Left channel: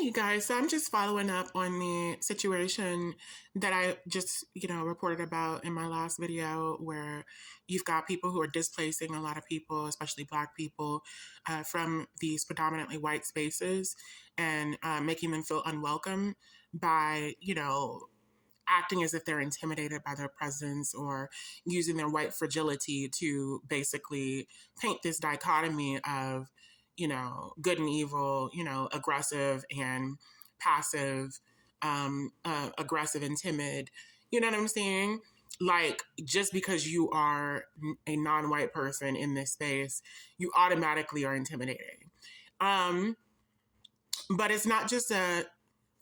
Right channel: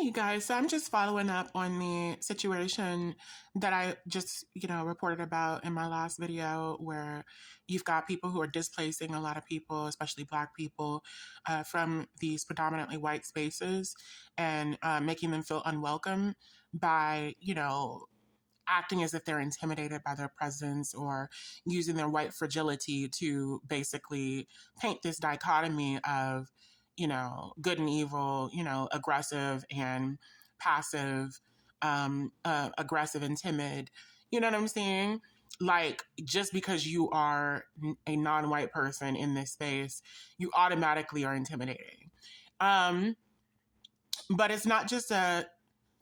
Hey, you guys. So I'm just following up on the situation that I just, reported about in my last video where you've got people who are displacing a lot of people, especially Black people, from these predominantly white spaces and making them feel unwelcome by, acting as if they're intimidated by their presence or using their white fragility to basically paint this dichotomy of, good and evil, aggressive and passive, aggressive and timid. You know what I'm saying? Like, just because you are a non-white person in this space, you automatically are intimidating. But it's not just a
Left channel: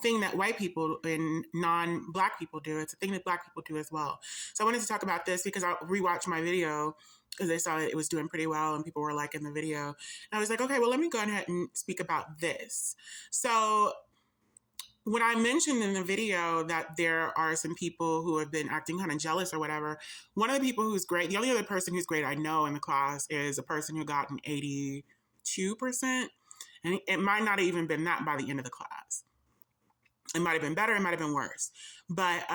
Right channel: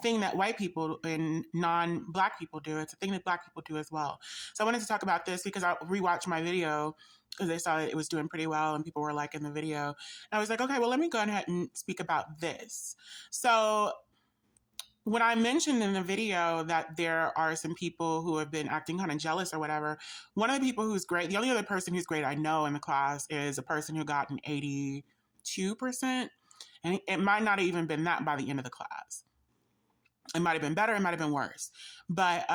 thing that white people and non-Black people do. It's a thing that Black people do as well. So I wanted to talk about this because I rewatched my video because I saw it was doing pretty well and people were liking the video. And I was like, okay, well, let me go ahead and speak about this. So when I mentioned in the video that there are some people who have been acting kind of jealous or whatever, one of the people who's great, the only other person who's great I know in the class is a person who got an 82%. And it might not have even been that by the end of the class. It might have been better. It might have been worse. But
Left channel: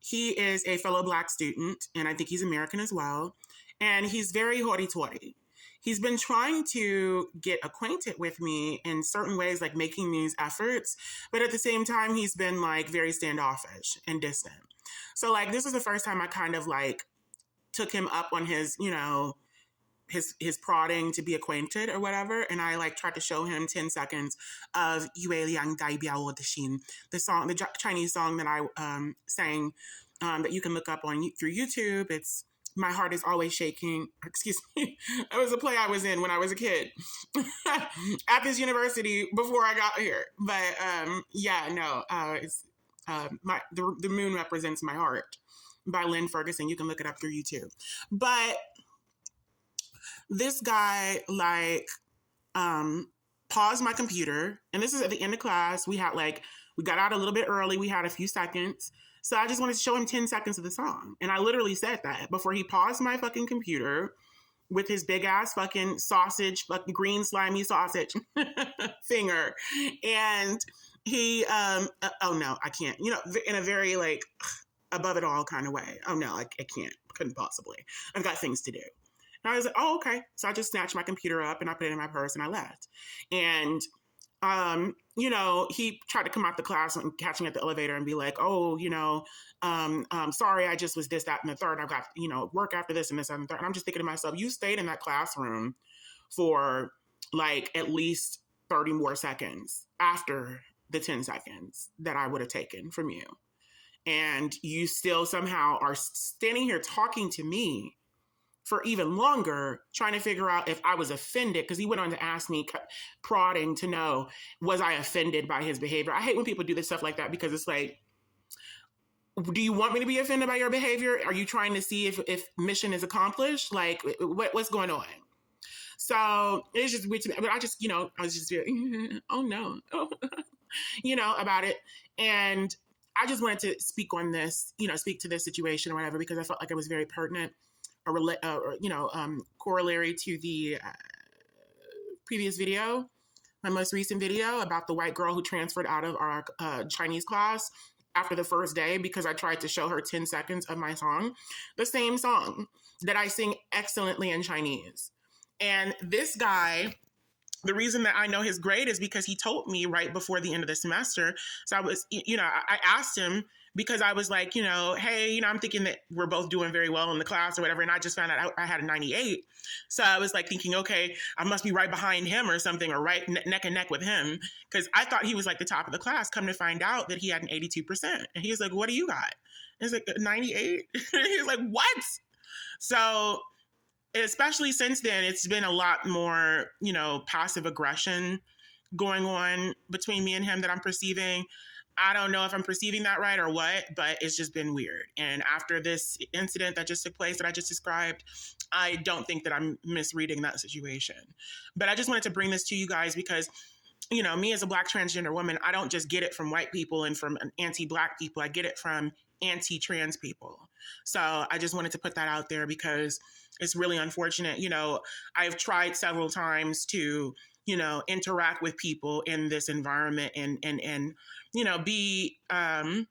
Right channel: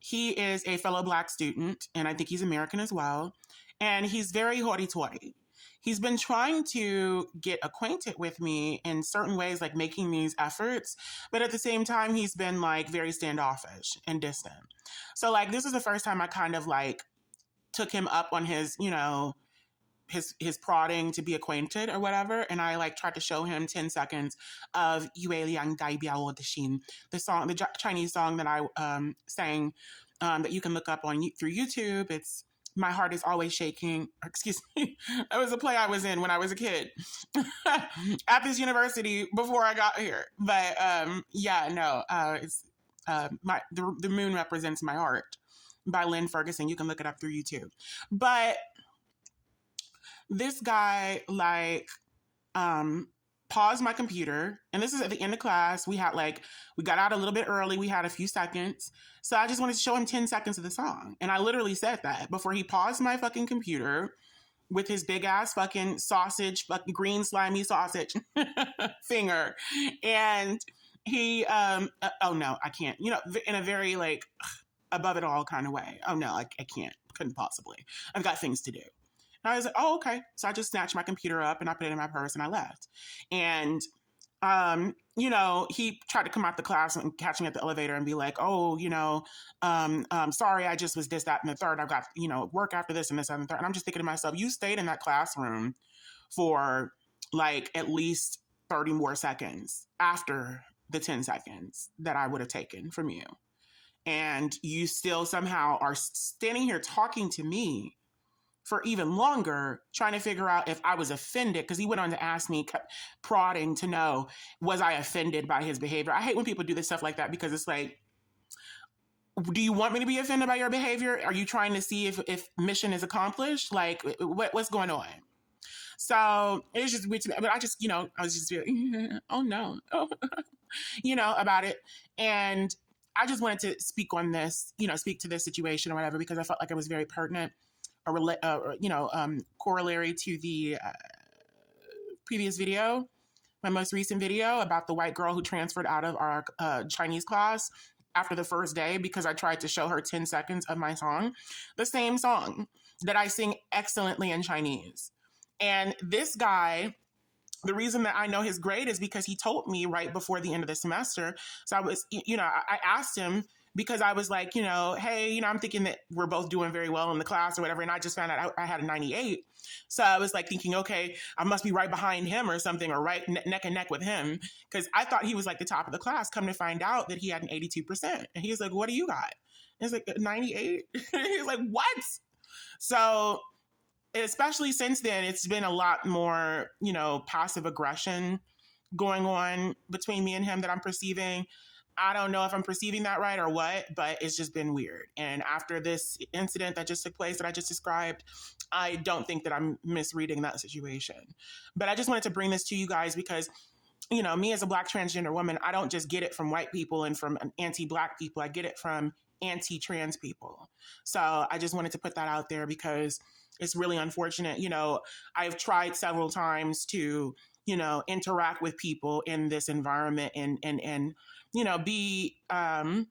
he is a fellow Black student, and I think he's American as well. And he's very hoity-toity. He's been trying to get acquainted with me in certain ways, like making these efforts. But at the same time, he's been like very standoffish and distant. So like this is the first time I kind of like took him up on his, his prodding to be acquainted or whatever. And I like tried to show him 10 seconds of Yue Liang Dai Biao Shin, the song, the Chinese song that I sang that you can look up on through YouTube. It's My Heart Is Always Shaking. Excuse me. That was a play I was in when I was a kid at this university before I got here. But it's the moon represents my heart by Lynn Ferguson. You can look it up through YouTube. But this guy paused my computer, and this is at the end of class. We got out a little bit early. We had a few seconds. So I just wanted to show him 10 seconds of the song. And I literally said that before he paused my fucking computer with his big ass fucking sausage, fucking green slimy sausage finger. And he, oh no, I can't, in a very like above it all kind of way. Oh no, I can't, couldn't possibly. I've got things to do. And I was like, oh, okay. So I just snatched my computer up and I put it in my purse and I left. And, he tried to come out the class and catch me at the elevator and be like, oh, sorry, I just was this, that, and the third. I've got, work after this and this, and the third. And I'm just thinking to myself, you stayed in that classroom for like at least 30 more seconds after the 10 seconds that I would have taken from you. And you still somehow are standing here talking to me for even longer, trying to figure out if I was offended, because he went on to ask me, prodding to know, was I offended by his behavior? I hate when people do this stuff like that, because it's like, do you want me to be offended by your behavior? Are you trying to see if mission is accomplished? Like, what's going on? So it's just weird to me. But I just, I was just very, oh no, about it. And I just wanted to speak on this, speak to this situation or whatever, because I felt like it was very pertinent. Corollary to the previous video, my most recent video about the white girl who transferred out of our Chinese class after the first day because I tried to show her 10 seconds of my song, the same song that I sing excellently in Chinese. And this guy, the reason that I know his grade is because he told me right before the end of the semester. So I was, I asked him, because I was like, hey, I'm thinking that we're both doing very well in the class or whatever. And I just found out I had a 98. So I was like thinking, okay, I must be right behind him or something, or right neck and neck with him. Because I thought he was like the top of the class. Come to find out that he had an 82%. And he was like, what do you got? And it's like 98. He's like, what? So especially since then, it's been a lot more, passive aggression going on between me and him that I'm perceiving. I don't know if I'm perceiving that right or what, but it's just been weird. And after this incident that just took place that I just described, I don't think that I'm misreading that situation. But I just wanted to bring this to you guys because, me as a Black transgender woman, I don't just get it from white people and from anti-Black people. I get it from anti-trans people. So I just wanted to put that out there because it's really unfortunate. I've tried several times to interact with people in this environment and be, when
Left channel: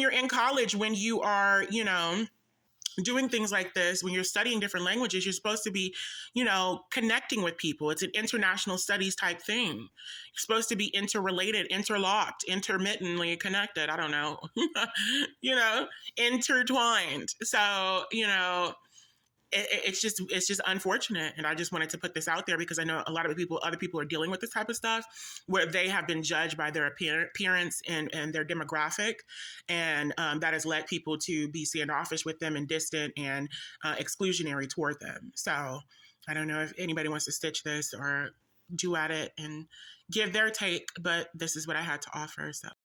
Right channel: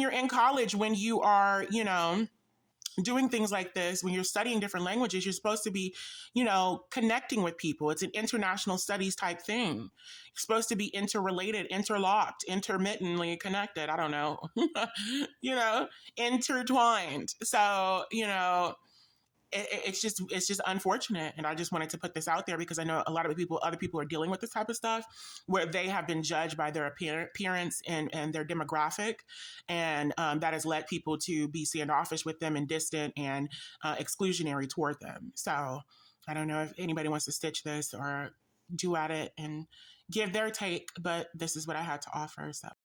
you're in college, when you are, doing things like this, when you're studying different languages, you're supposed to be, connecting with people. It's an international studies type thing. You're supposed to be interrelated, interlocked, intermittently connected. I don't know, intertwined. So, it's just unfortunate, and I just wanted to put this out there because I know a lot of other people are dealing with this type of stuff where they have been judged by their appearance and their demographic, and that has led people to be standoffish with them and distant and exclusionary toward them. So I don't know if anybody wants to stitch this or do at it and give their take, but this is what I had to offer. So.